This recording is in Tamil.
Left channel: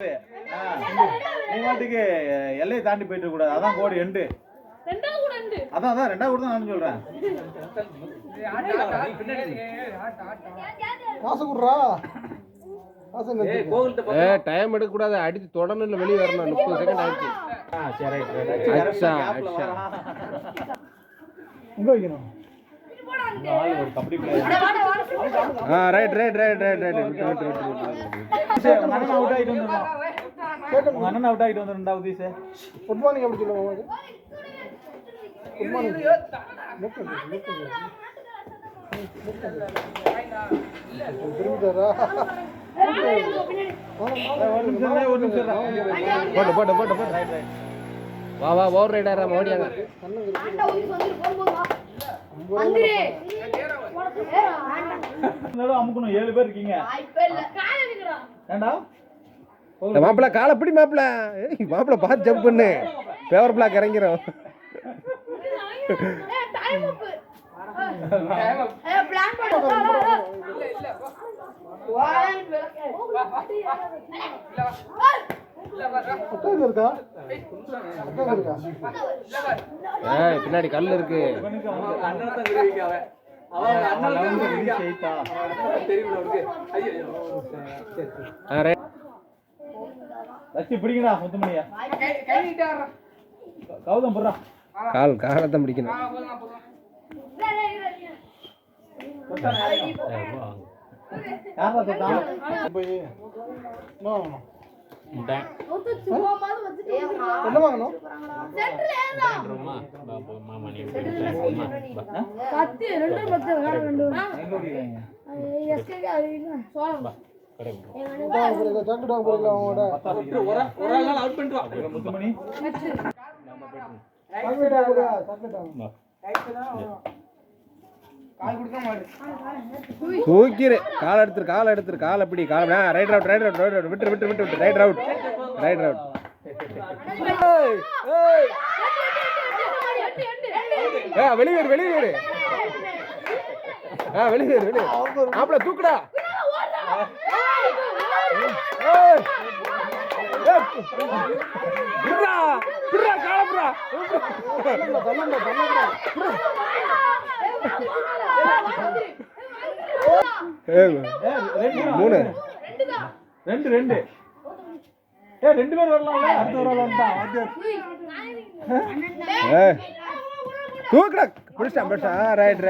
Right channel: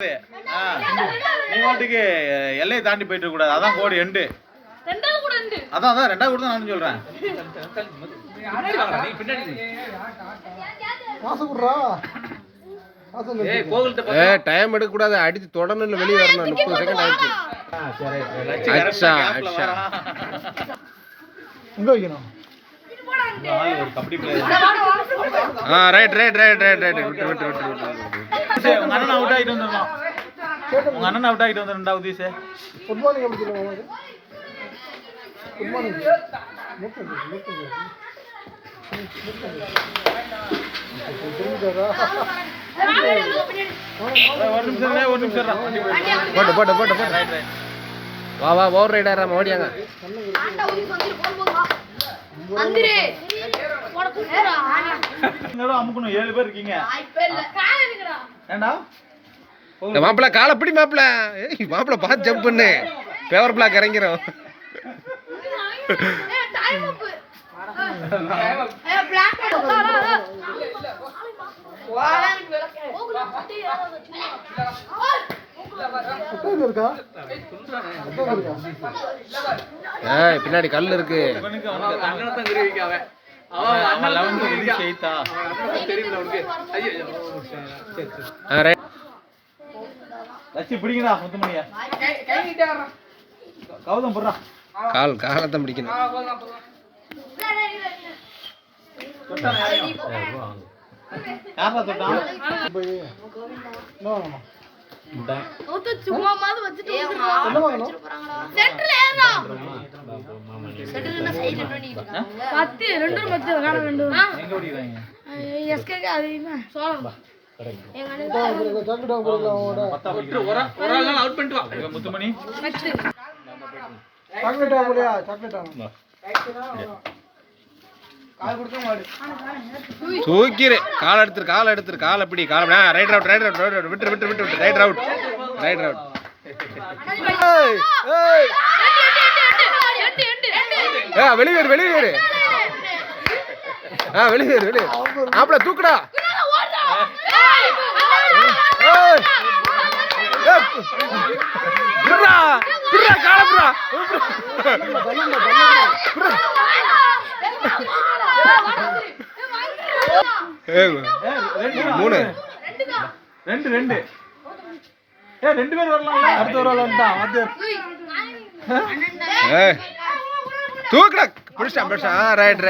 நீ வாட்டுக்கு எல்லையை தாண்டி போயிட்டு கூடாது. அதான் கோடு எண்டு. அதான் ரெண்டாவது கூட நான் சொல்றேன். டைம் எடுக்க கூடாது. அடிச்சு தொடர்ந்து வெளியே வரணும். 30 செகண்ட் ஆயிடுச்சு. கபடி பிளேயர். ரைட் உங்க அண்ணன் அவுட் ஆகிட்டு வந்துடலாம். உங்க அண்ணன் அவுட் ஆகிட்டு வந்து ரெண்டாவது சார். குட் மார்னிங் எப்படி சொல்லுவாங்க? Good morning. ஒரு நிமிஷம் போட்டு வா ஓவர் ரைடரா ஓடியாங்க. அமுக்கணும். 7 பேர் இருக்கீங்க. மாப்பிள்ள காலை பிடி மாப்பிள்ள. மாப்பிள்ள பார்த்து ஜம்ப் பண்ணு. பேவர் பிளாக் இறங்கிறோம். பின்னாடி கல் இருக்கு. பிடிக்கடா முத்துமணியா. கௌதம் போடுறா. காலத்தை பிடிக்கணும். முத்துமணி தூக்கிரு. கால் எடுத்துரு. கால் அப்படி கால். ரைட் ரவுட் விட்டு ரைட் ரவுட். வெளியேறு. ஆப்ல தூக்குடா. மூணு 2 பேர் வரலாம். அடுத்த வரலாம். தூக்குடா. பிடிச்சா ரைட்